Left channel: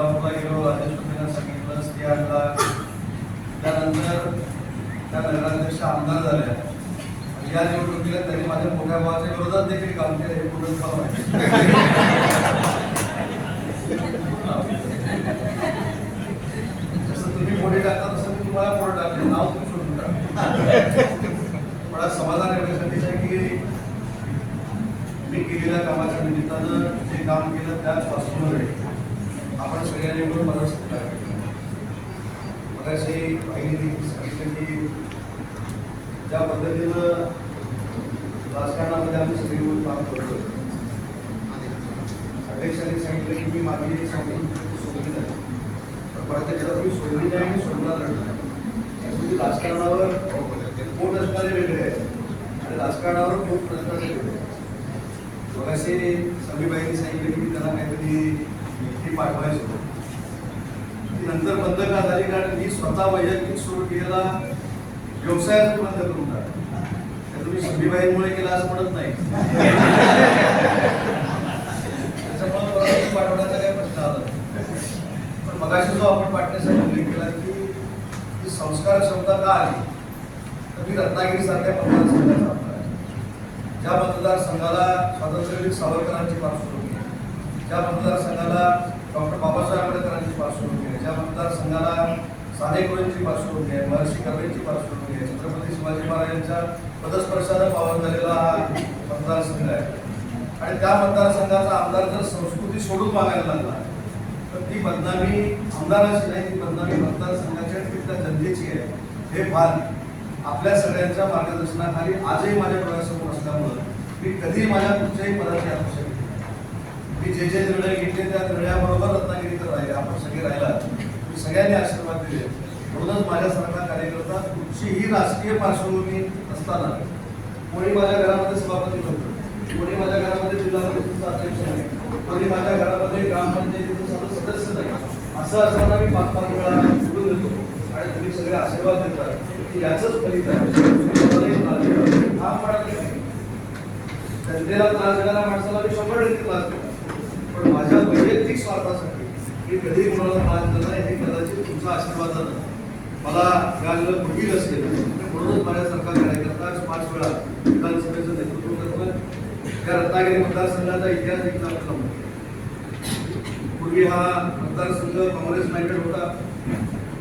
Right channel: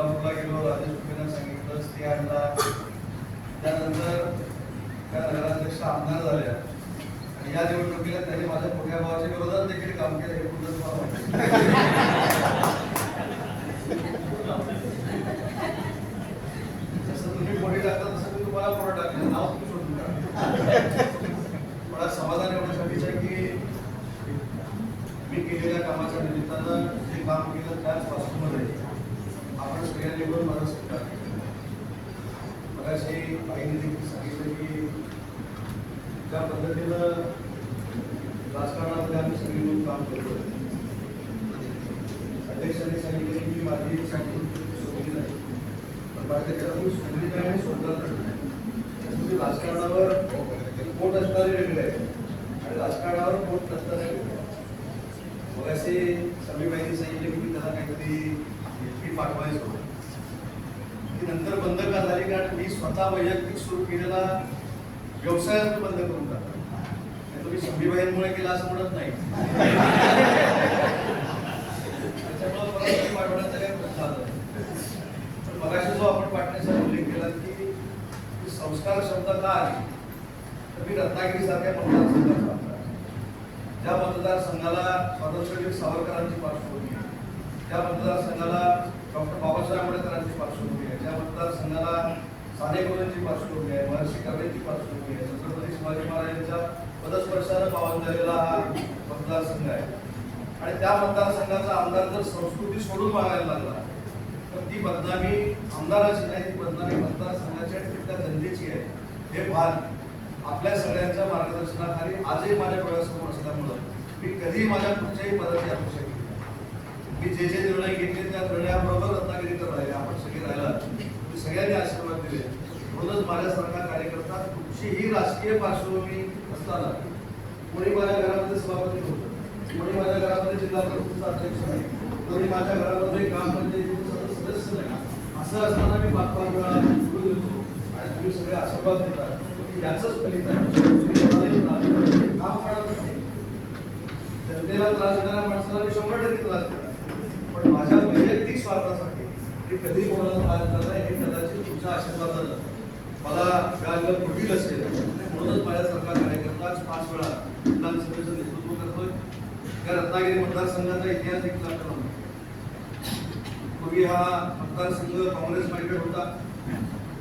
सोलापूरला गेलो, राजेश्वरीला सांगितलं, स्त्रियांना त्यानंतर त्या नगराध्यक्ष आमदार झाल्या. या निवडणुकीला त्यांनी माझ्या मोठ्या भावाच्या विरोधात देखील काम केलं, हे पूर्ण मला माहिती. जसं तुम्ही पुढे टाकता तसं मी तुम्हाला पुढे टाकले, नाव तुम्ही शोधून टाका. मला समाधान एवढ्यासाठीच आहे की मी केलेल्या कामाच्या निमित्तानं जे काम केलं त्याच पासून आपण सगळ्यांनी पण मला सहकार्य केलं. मगाशी बाईंनी सांगितलं की ज्या पद्धतीनं राजकारणामध्ये आम्ही सगळी मिळून काम करतो. अध्यक्षांनी सांगितलं की मी माझी संस्कृती सोडली नाही, पण प्रत्यक्षात मी सोडली नाही आणि सोडणार नाही. त्यासाठी राजकारणावर पोट असणारे वेगळे आहे आणि राजकारणावर पोट नसणारे वेगळे आहे. मगाशी समीबाईंनी सांगितलं की मी त्यांना काहीतरी पाठवायचो, ती नंतर बंद का झाली कारण मी स्वतः वैयक्तिक सुरू केलेला व्यवसायात बंद करून टाकला. तुम्ही समीबाईंमुळे केला असं म्हणत नाही, त्याच्यामुळे परत पाठवण्याचा काही प्रश्न आला. पण मगाशी जो आपण पाठण्यासाठी उल्लेख केला की संस्कार क्षमता का आली, तर मी रत्नागिरी सारख्या मतदारसंघाचा आमदार आहे. ज्या मतदारसंघाला स्वातंत्र्यवीर सावरकरांची पार्श्वभूमी आहे, ज्या मतदारसंघाला डॉक्टर बाबासाहेब आंबेडकरांची पार्श्वभूमी आहे, ज्या मतदारसंघाला साने गुरूंची पार्श्वभूमी आहे, महर्षी कर्वेंची पार्श्वभूमी आहे, छत्रपती शिवाजी महाराजांच्या पदस्पर्शानं पावन झालेला हा मतदारसंघ आहे. आणि त्या मतदारसंघाचा आमदार जर संस्कृती सोडून मागायला लागला तर ती बदनामी आमदाराची नाही, ती बदनामी मतदारसंघाची आणि तिथल्या जनतेची आहे. हे भान आपल्या सगळ्यांच्या मार्गदर्शनाखाली आजही माझ्या डोळ्यासमोर असल्यामुळं मी कधीही माझ्या कुठच्याही पदाची आवश्यकता मी जे जे निर्णय घेतले त्या निर्णयाबरोबर रत्नागिरीकर राहिले, आपण सगळे राहिला, सगळ्यांनी आशीर्वाद दिले. म्हणूनच माझ्यासारखा कार्यकर्ता कुठचीही राजकीय पार्श्वभूमी असताना कोणी माझ्या घरामध्ये सभापती नव्हतं, कोणी माझ्या घरामध्ये जिल्हा परिषदेचा अध्यक्ष नाही, कोणी माझ्या घरामध्ये ग्रामपंचायतीचे सदस्य नाही, असं असताना मी 5-5 वेळा निवडून येतो आणि तुम्ही सगळे आशीर्वाद देतात की याचंच फलित आहे. हा पडत नाही, जनतेला त्रास देणाऱ्या माणसाला मी 100% त्रास देतो, पण माझ्या वैयक्तिक स्वार्थासाठी मी कधीही कोणाला त्रास दिला नाही. हे कदाचित तुमच्या आशीर्वादानं मला मिळालेलं पुढील असेल. म्हणूनच माझ्यासारखा कार्यकर्ता 5 वेळा विधानसभेचं नेतृत्व करतोय. या रत्नागिरी मतदारसंघाचा इतिहास देखील आपल्याला पूर्वी हा मतदारसंघ काँग्रेस माइंडेड होता.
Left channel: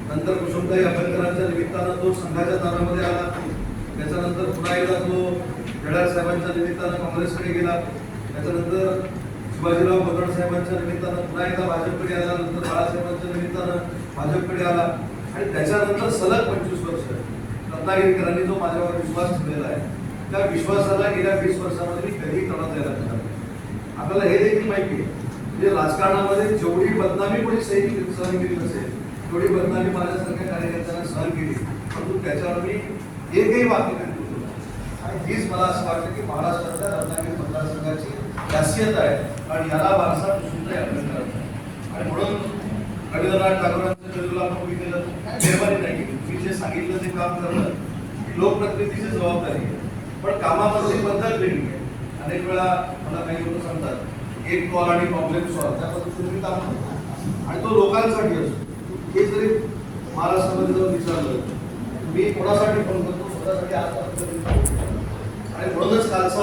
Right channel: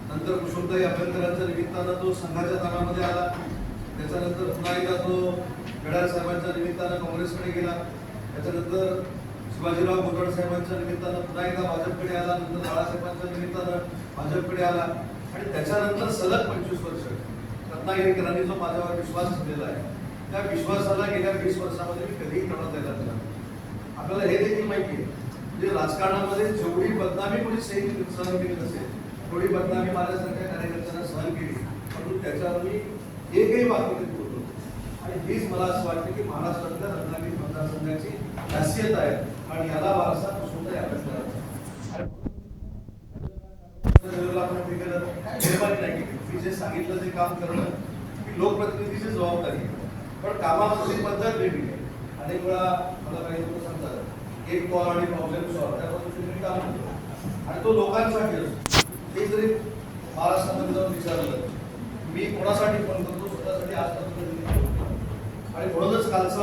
नंतर कुसुमताई अभ्यंकरांच्या निमित्तानं तो संघाच्या दारामध्ये आला. त्याच्यानंतर पुन्हा एकदा तो येडार साहेबांच्या निमित्तानं काँग्रेसकडे गेला. त्याच्यानंतर शिवाजीराव भोसले साहेबांच्या निमित्तानं पुन्हा एकदा भाजपकडे आला. नंतर बाळासाहेबांच्या निमित्तानं भाजपकडे आला आणि त्याच्यानंतर सलग 25 वर्ष रत्नागिरीकरांनी जो माझ्यावर विश्वास ठेवलेला आहे, त्या विश्वासाला गेल्या 20 वर्षामध्ये मी कधीही तडा द्यायला नाही. आपल्याला हे देखील माहिती आहे म्हणजे राजकारणामध्ये जेवढी बदनामी कोणी सहन केली नसेल तेवढी बदनामी माझ्यासारख्या कार्यकर्त्यांना सहन केली, परंतु त्याच्यावर मी एकही वाक्य करीत होतो. आणि हीच मला असं वाटतं की महाराष्ट्रातल्या रत्नागिरी मतदारसंघाची खासियत आहे आणि याला वारसा सुद्धा आपल्याला. आणि म्हणून रवींद्रनाथ टागोरांच्या चळवळीला आपण उभी केलं, निर्माणी नाही केली. मी जे सांगितलं ते काम करणं ही लोकप्रतिनिधीची जबाबदारी आहे, पण कामावरची पद्धत वेगळी आहे. अनेक वेळा मला काही लोक सांगतात एक कॉल आणि प्रॉब्लेम सॉल्व, त्या पद्धतीने मी काम करतो आणि तो लोकांसाठी असतो. हे जरी महाराष्ट्रामध्ये जर विचारलं मी कोणासाठी फोन करतो, स्वतःसाठी आज आणि म्हणूनच कालचा